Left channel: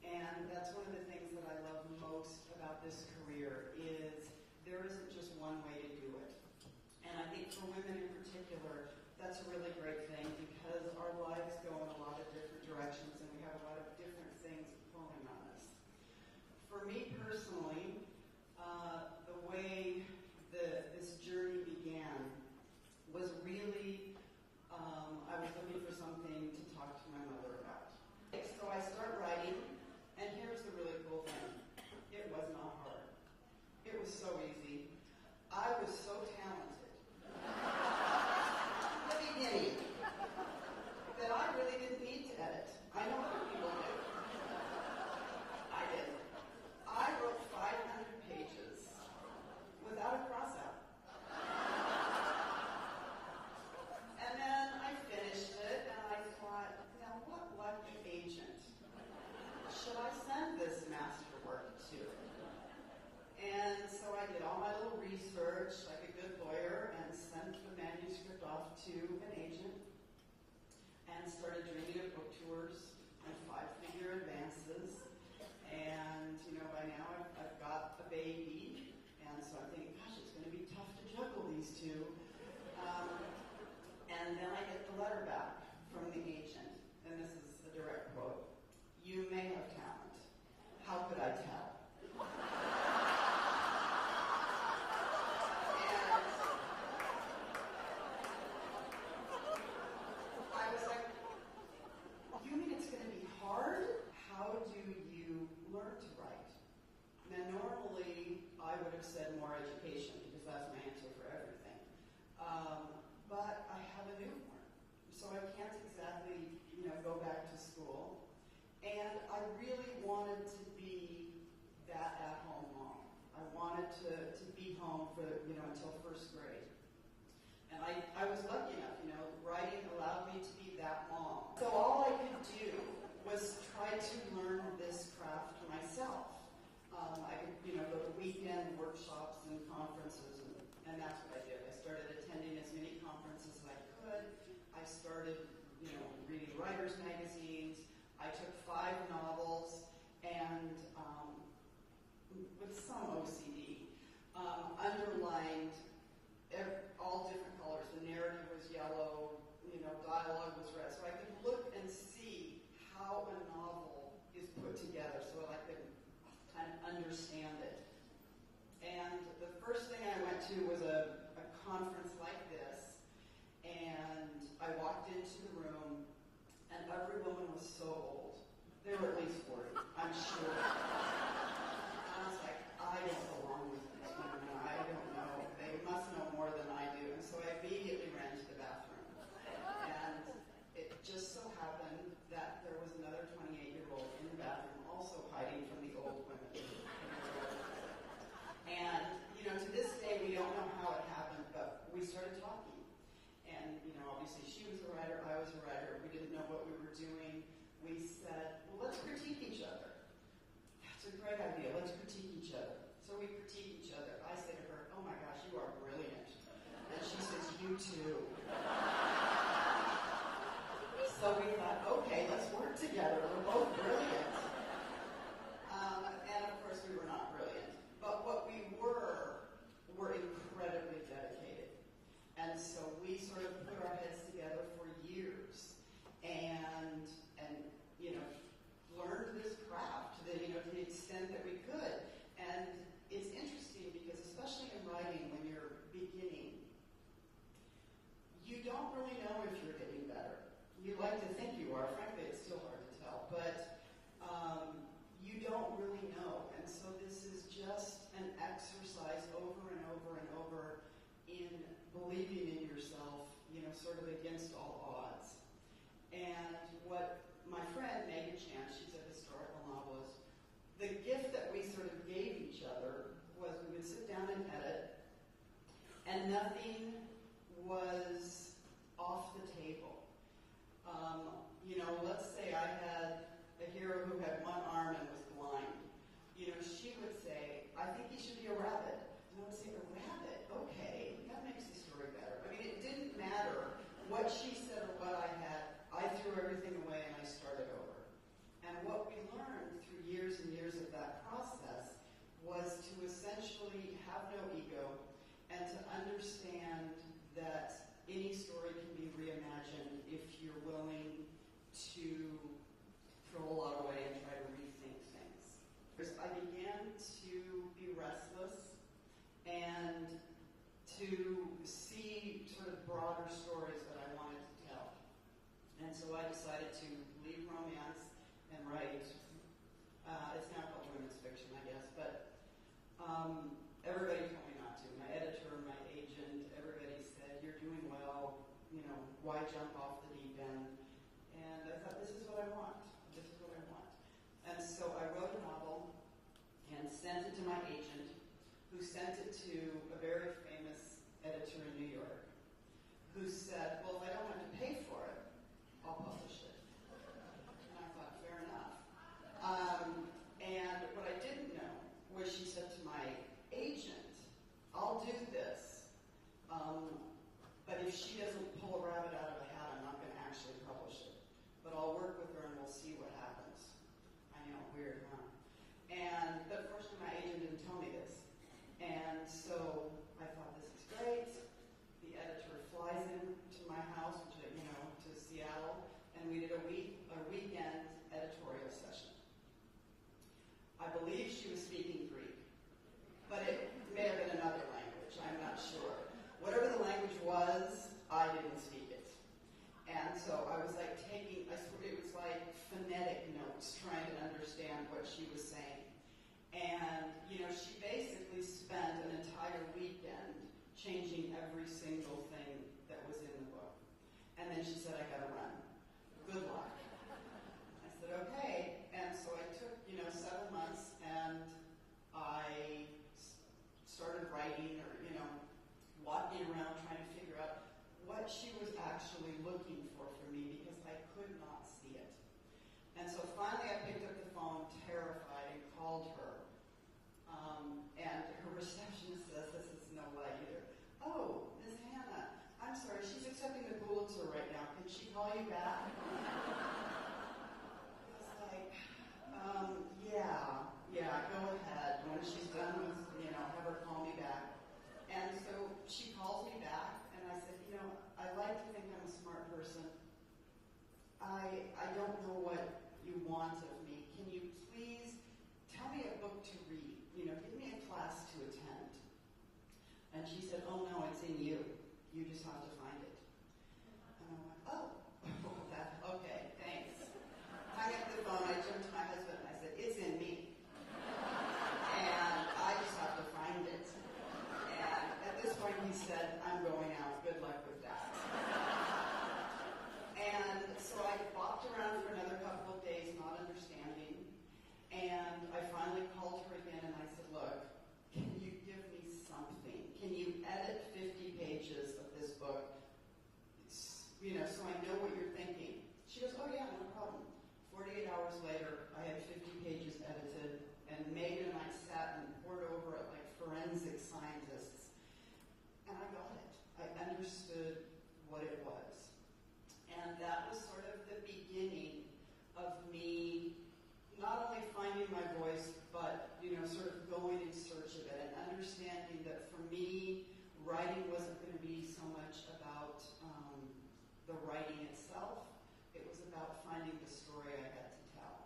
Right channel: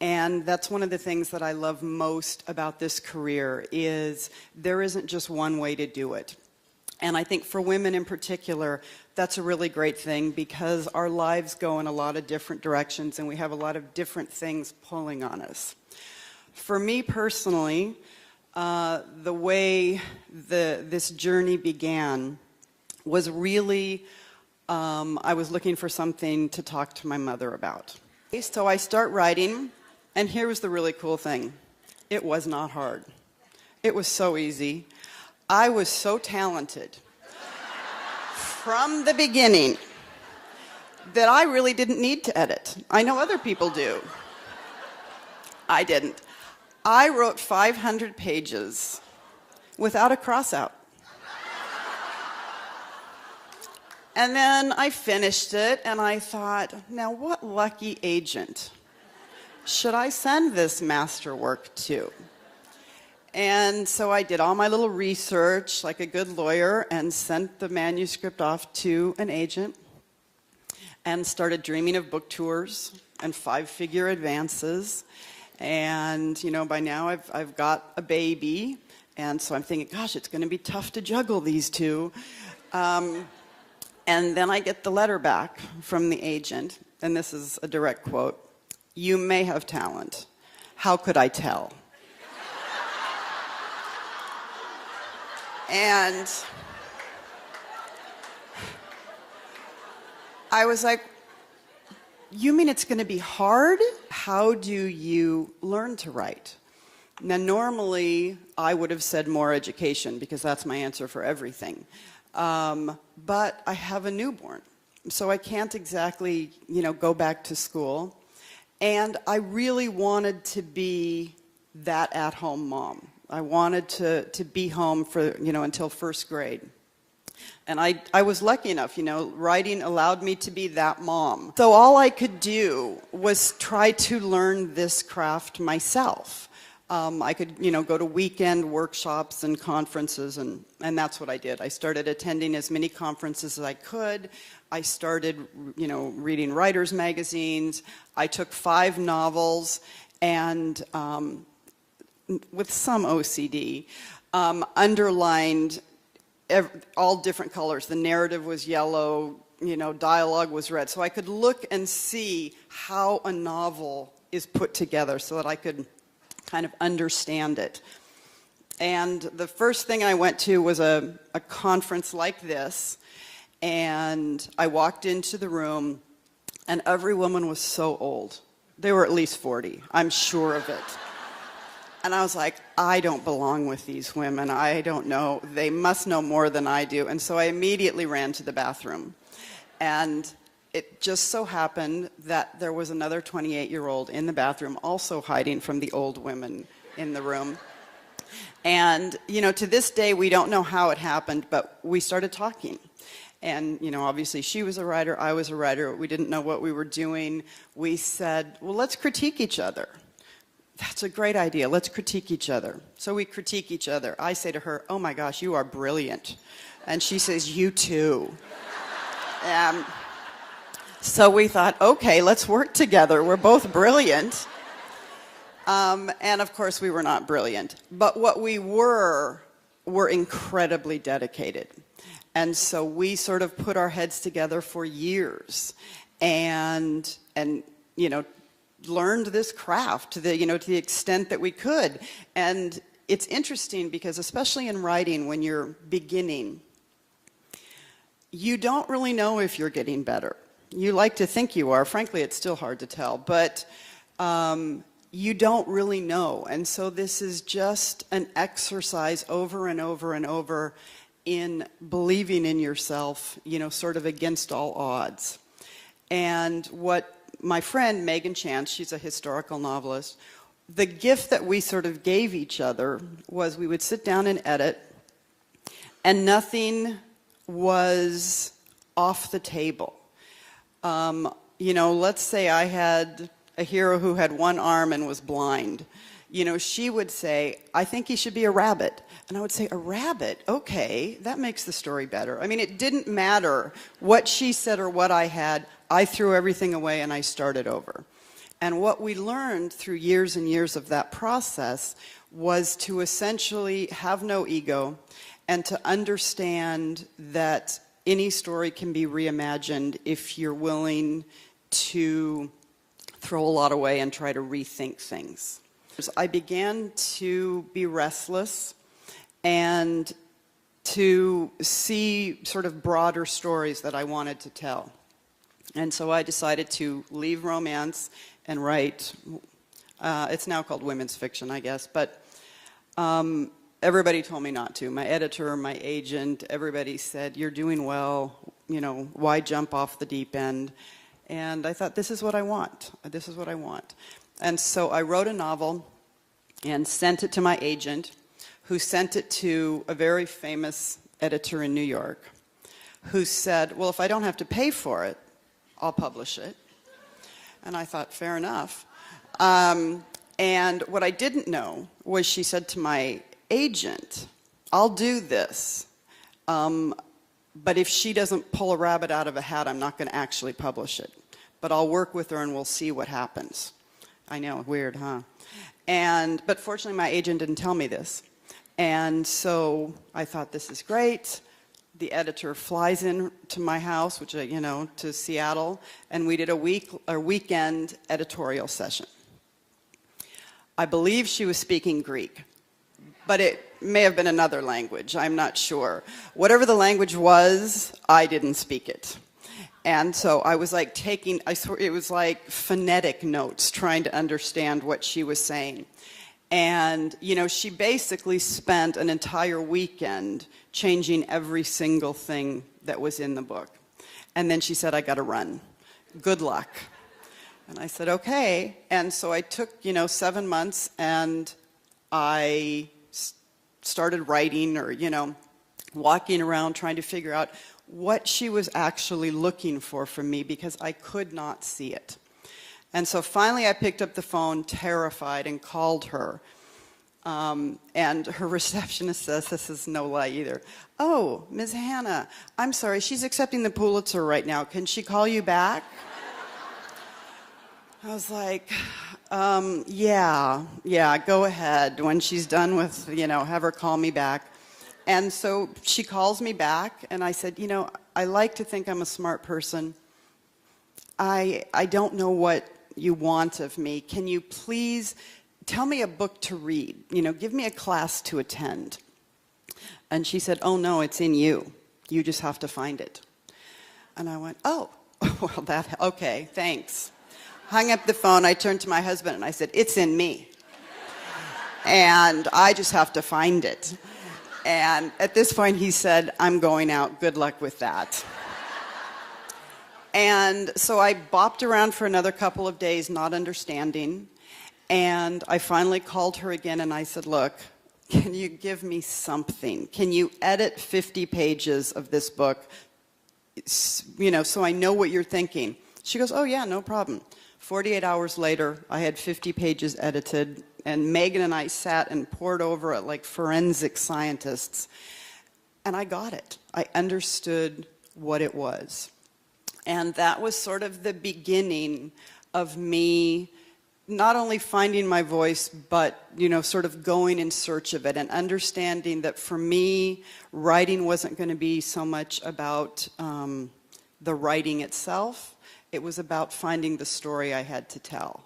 And that's one of the things that I love most about this career is there isn't just one way to do it. And I think for women in particular, that's a really great thing because our lives go in a lot of different directions and we have a lot of different things pulling on us. For me personally, the way this journey began was really, I was looking for something to talk to my mother about. So I start writing, and here was the really cool thing. It was not hard. It was so easy. I was so talented from the beginning that I really didn't need to edit. I know other people do. I didn't. I wrote 500 pages without a cross-out. And then I finished it, and I thought, now what lucky agent should I send this masterwork to? And so I did all my little research like a good lawyer and sent the manuscript off to an agent and started dreaming of book tours and 5-figure advances. And, you know, by now I've got a baby, and so I'm thinking, gosh, it's going to be tough to juggle these two. And then I get the letter back from the agent, and this is a direct quote. "You may have talent. How could I tell?" And I was like, you mean it's going to be hard? How do you learn to write? Now, normally, I would have said more education, because that's my answer for everything. But I have a newborn, so I can't exactly, you know, go back to school. And I really wanted to be that at-home mom. I wanted to be home for, you know, until first grade. And I was lucky enough, you know, writing allowed me to be that mom. So all I could do was try to learn this craft myself. I could, you know, go to weekend workshops and conferences, and that's what I did. I started attending as many conferences as I could. I started, you know, reading writers' magazines. I took 5 novels and, with some OCD, underlined all different colors. The narrative was yellow, you know, dialogue was red. So I could look and see how a novel is put together so that I could kind of understand it. And the first thing I went to was a conference like this, and I walked into the room, and every woman was so old. They were at least 40, I'm sure of it. And I was like, I don't belong with these women. I don't know. They must know more than I do. And so I immediately ran to the bathroom. And it just so happened that there was another 28-year-old in the bathroom also hiding from the old women in the room. And, you know, to this day, we don't know how it happened, but we started talking. And, you know, obviously she was a writer, I was a writer. We didn't know what we were doing. We said, well, let's critique each other. That's a great idea. Let's critique each other. So we critique each other. I say to her, oh my gosh, you are brilliant. And she says, you too. So we thought, okay, let's work together. We're both brilliant. And of course, we were not brilliant. But what we were incredibly dedicated. And so we sort of put our heads together for years and you know, learned this craft to the extent that we could. And it's interesting because especially in writing, when you're beginning, you don't really know if you're getting better. You like to think you are. Frankly, it's still hard to tell, but you don't really know. And so this is just an exercise over and over and over in believing in yourself, you know, sort of against all odds. And what my friend Megan Chance, she's a historical novelist, the gift that we sort of gave each other was we would sit down and edit, and nothing was off the table. You know, let's say I had a hero who had one arm and was blind. You know, she would say, I think he should be a rabbit. And I would say, a rabbit? Okay, that makes the story better. I mean, it didn't matter what she said or what I had. I threw everything away and I started over. And what we learned through years and years of that process was to essentially have no ego and to understand that any story can be reimagined if you're willing to throw a lot away and try to rethink things. I began to be restless and to see sort of broader stories that I wanted to tell. And so I decided to leave romance and write, it's now called women's fiction, I guess, but everybody told me not to. My editor, my agent, everybody said, you're doing well, you know, why jump off the deep end? And I thought, this is what I want. This is what I want. And so I wrote a novel and sent it to my agent, who sent it to a very famous editor in New York, who said, well, if I don't have to pay for it, I'll publish it. And I thought, fair enough. And what I didn't know was she said to my agent, I'll do this, but if she doesn't pull a rabbit out of a hat, I'm not going to actually publish it. But I'll work with her and we'll see what happens. I know, weird, huh? But fortunately, my agent didn't tell me this. And so I thought, this is great. The editor flies in to my house, which, you know, to Seattle, and we did a weekend editorial session. I believe she was speaking Greek, but it may have been another language. I'm not sure. Whatever the language was, I didn't speak it. And so I was like it was like phonetic notes, trying to understand what she was saying. And, you know, she basically spent an entire weekend changing every single thing that was in the book. And then she said, I gotta run. Good luck. And I said, okay. And so I took, you know, 7 months and I started writing, or, you know, walking around trying to figure out what she was actually looking for from me, because I could not see it. And so finally I picked up the phone, terrified, and called her. And her receptionist says, this is no lie either, oh, Ms. Hannah, I'm sorry, she's accepting the Pulitzer right now. Can she call you back? I was like, yeah, go ahead. When she's done with, you know, have her call me back. And so she calls me back, and I said, you know, I like to think I'm a smart person. I don't know what you want of me. Can you please tell me a book to read? You know, give me a class to attend. And she said, oh, no, it's in you. You just have to find it. And I went, oh, well, okay, thanks. Hung up the phone, I turned to my husband, and I said, it's in me. And I just have to find it. And at this point, he said, I'm going out. Good luck with that. And so I bopped around for another couple of days, not understanding. And I finally called her again, and I said, look, can you give me something? Can you edit 50 pages of this book, you know, so I know what you're thinking? She goes, oh, yeah, no problem. 48 hours later, I had 50 pages edited, and Megan and I sat and pored over it like forensic scientists. And I got it. I understood what it was. And that was sort of the beginning of me not only finding my voice, but, you know, sort of going in search of it and understanding that for me, writing wasn't going to be so much about the writing itself. It was about finding the story I had to tell.